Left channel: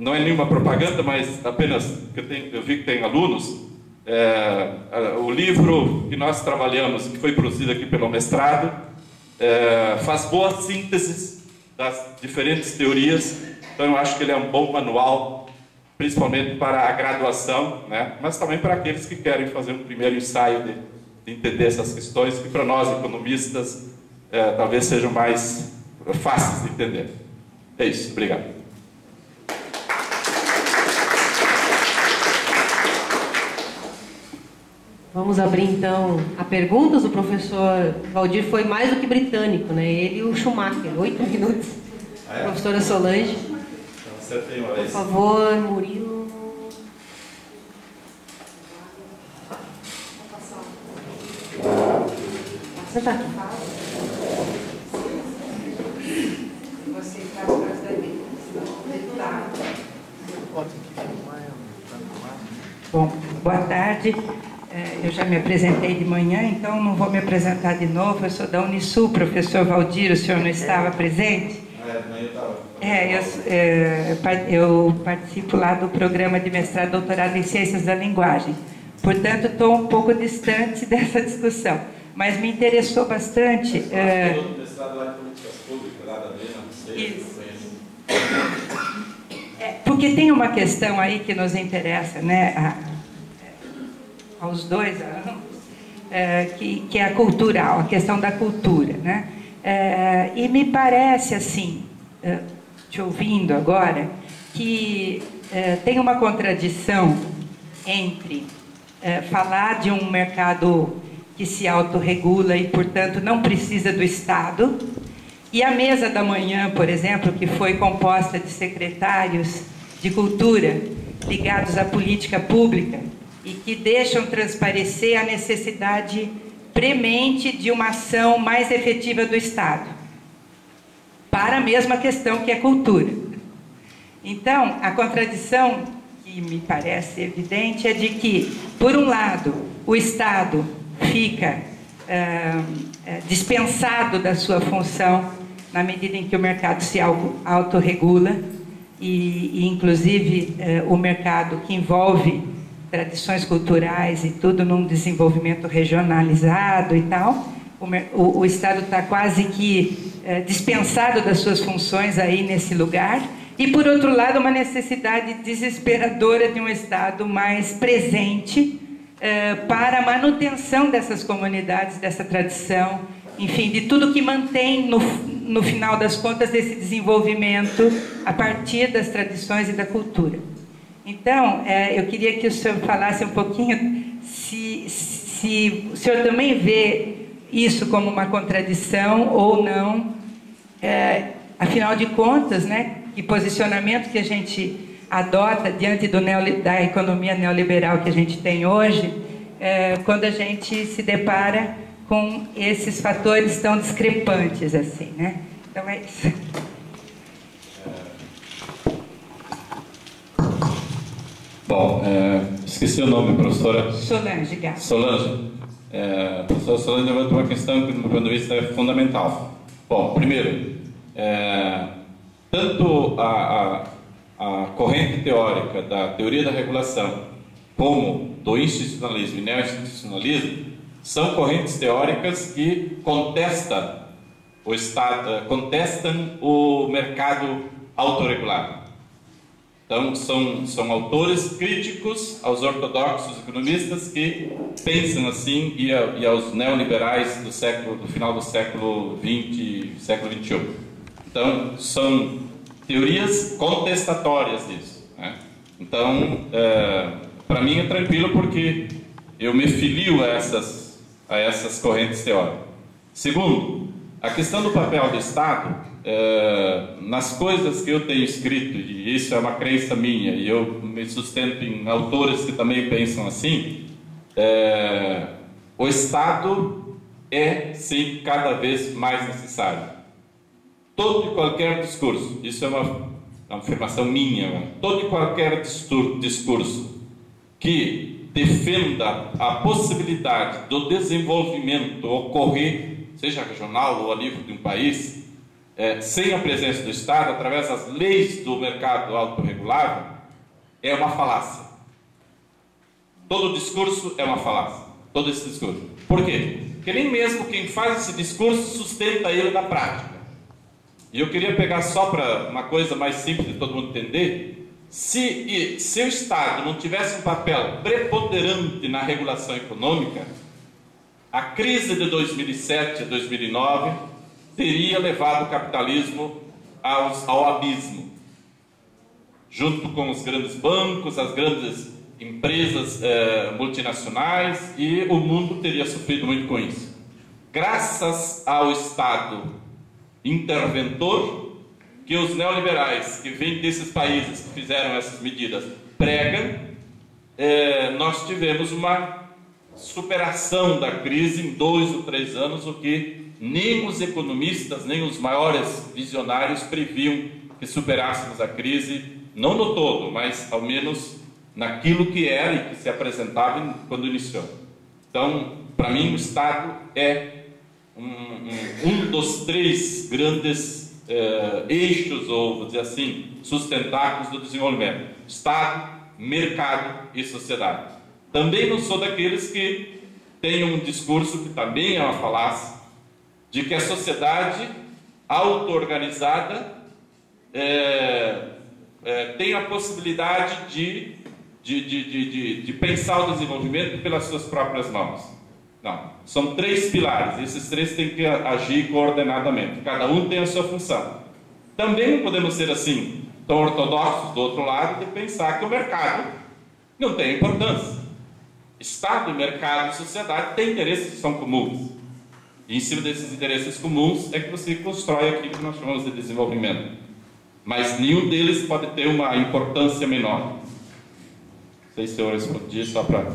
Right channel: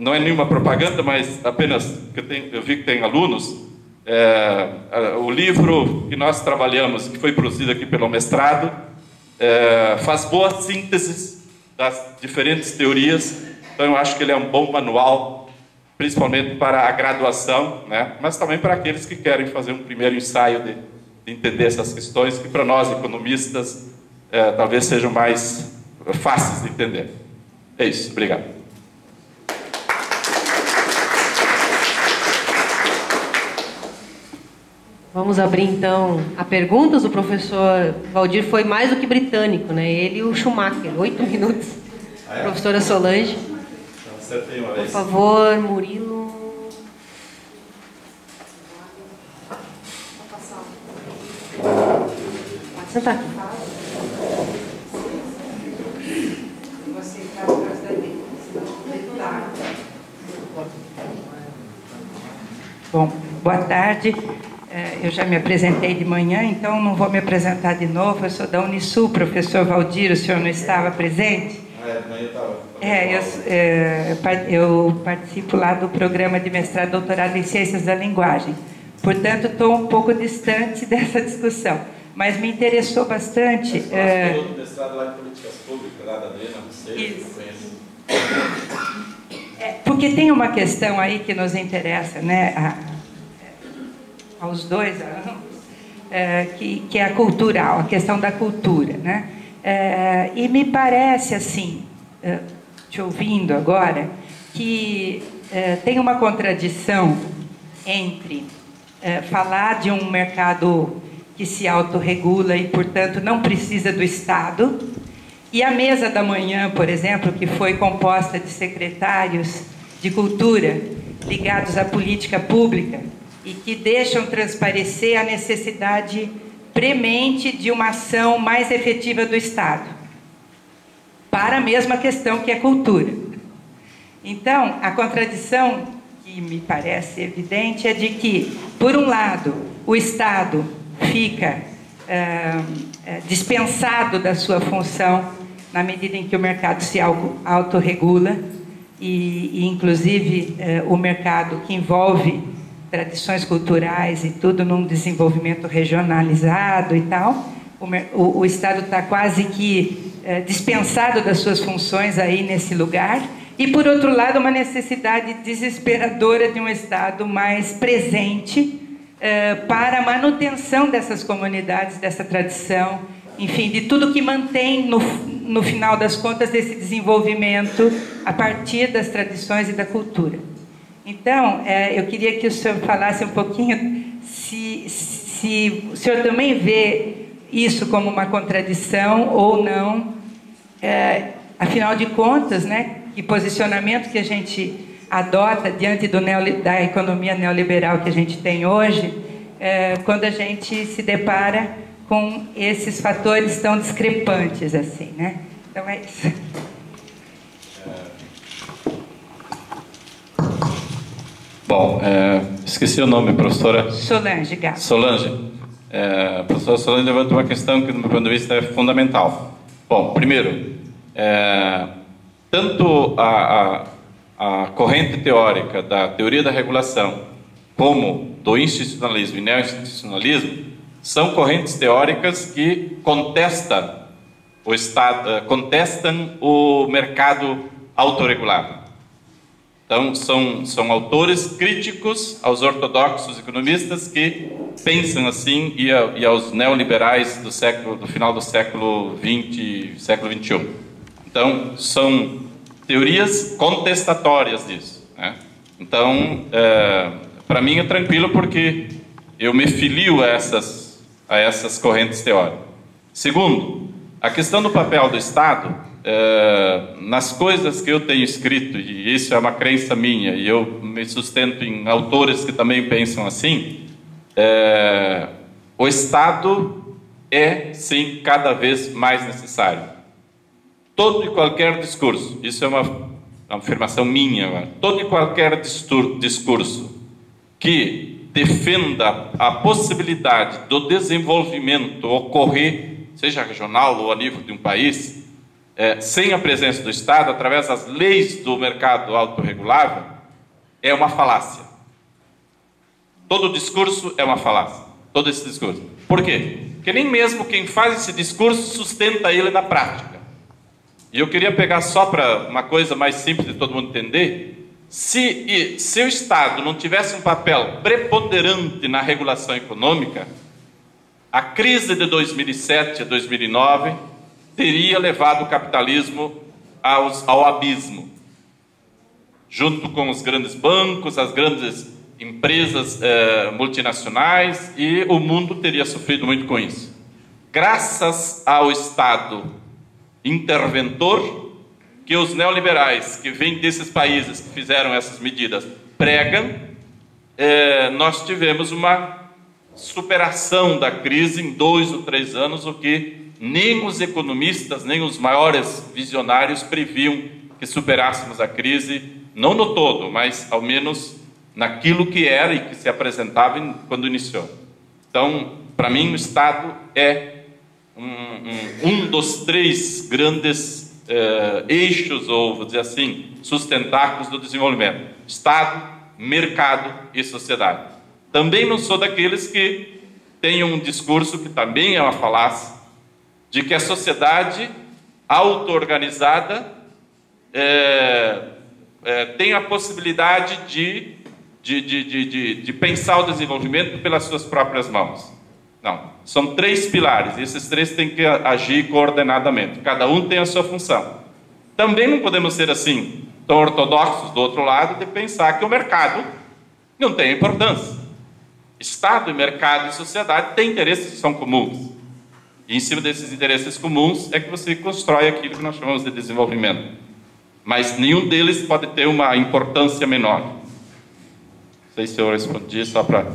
não é nenhuma propaganda, mas apenas que eu vi que tem alunos, o livro que nós trabalhamos, que foi produzido aqui pelo mestrado, faz boas sínteses das diferentes teorias. Então eu acho que ele é um bom manual, principalmente para a graduação, né? Mas também para aqueles que querem fazer um primeiro ensaio de entender essas questões, que para nós economistas talvez sejam mais fáceis de entender. É isso, obrigado. Vamos abrir então a perguntas. O professor Valdir foi mais do que britânico, né? Ele e o Schumacher, 8 minutos. Professora Solange. Então, acertei uma vez. Por favor, Murilo. Senta aqui. Você está atrás da mim, senão Bom, boa tarde. Eu já me apresentei de manhã, então não vou me apresentar de novo. Eu sou da Unisul, professor Valdir, o senhor não estava presente? Eu participo lá do programa de mestrado e doutorado em Ciências da Linguagem. Portanto, estou um pouco distante dessa discussão. Mas me interessou bastante... do mestrado lá em Políticas Públicas, lá da Adriana, não sei, eu conheço. Porque tem uma questão aí que nos interessa, né, aos dois, que é a cultural, a questão da cultura, né? E me parece, assim, te ouvindo agora, que tem uma contradição entre falar de um mercado que se autorregula e, portanto, não precisa do Estado, e a mesa da manhã, por exemplo, que foi composta de secretários de cultura ligados à política pública e que deixam transparecer a necessidade premente de uma ação mais efetiva do Estado para a mesma questão que é cultura. Então, a contradição que me parece evidente é de que, por um lado, o Estado fica dispensado da sua função na medida em que o mercado se autorregula e inclusive, o mercado que envolve tradições culturais e tudo num desenvolvimento regionalizado e tal, o Estado está quase que dispensado das suas funções aí nesse lugar, e, por outro lado, uma necessidade desesperadora de um Estado mais presente para a manutenção dessas comunidades, dessa tradição, enfim, de tudo que mantém, no final das contas, esse desenvolvimento a partir das tradições e da cultura. Então, eu queria que o senhor falasse um pouquinho se o senhor também vê isso como uma contradição ou não. Afinal de contas, né, que posicionamento que a gente adota diante da economia neoliberal que a gente tem hoje, quando a gente se depara com esses fatores tão discrepantes assim, né? Então é isso. Bom, esqueci o nome, professora... Solange Gato. Solange. A professora Solange levanta uma questão que, do meu ponto de vista, é fundamental. Bom, primeiro, tanto a corrente teórica da teoria da regulação como do institucionalismo e neo-institucionalismo são correntes teóricas que contestam o Estado, contestam o mercado autorregulado. Então, são autores críticos aos ortodoxos economistas que pensam assim e aos neoliberais do final do século XX, século XXI. Então, são teorias contestatórias disso, né? Então, para mim é tranquilo porque eu me filio a essas correntes teóricas. Segundo, a questão do papel do Estado, nas coisas que eu tenho escrito, e isso é uma crença minha, e eu me sustento em autores que também pensam assim, o Estado é, sim, cada vez mais necessário. Todo e qualquer discurso, isso é uma afirmação minha, todo e qualquer discurso que defenda a possibilidade do desenvolvimento ocorrer, seja regional ou a nível de um país, sem a presença do Estado, através das leis do mercado autorregulável, é uma falácia. Todo discurso é uma falácia. Todo esse discurso. Por quê? Porque nem mesmo quem faz esse discurso sustenta ele na prática. E eu queria pegar só para uma coisa mais simples de todo mundo entender. Se o Estado não tivesse um papel preponderante na regulação econômica, a crise de 2007 a 2009 teria levado o capitalismo ao abismo, junto com os grandes bancos, as grandes empresas multinacionais, e o mundo teria sofrido muito com isso. Graças ao Estado interventor, que os neoliberais que vêm desses países que fizeram essas medidas pregam, nós tivemos uma superação da crise em 2 ou 3 anos, o que nem os economistas, nem os maiores visionários previam que superássemos a crise, não no todo, mas ao menos naquilo que era e que se apresentava quando iniciou. Então, para mim, o Estado é um dos 3 grandes eixos, ou vou dizer assim, sustentáculos do desenvolvimento: Estado, mercado e sociedade. Também não sou daqueles que têm um discurso que também é uma falácia, de que a sociedade auto-organizada tem a possibilidade de pensar o desenvolvimento pelas suas próprias mãos. Não, são 3 pilares, e esses 3 têm que agir coordenadamente, cada um tem a sua função. Também não podemos ser assim, tão ortodoxos do outro lado, de pensar que o mercado não tem importância. Estado, mercado e sociedade têm interesses que são comuns, e em cima desses interesses comuns é que você constrói aquilo que nós chamamos de desenvolvimento, mas nenhum deles pode ter uma importância menor. Não sei se eu respondi, só para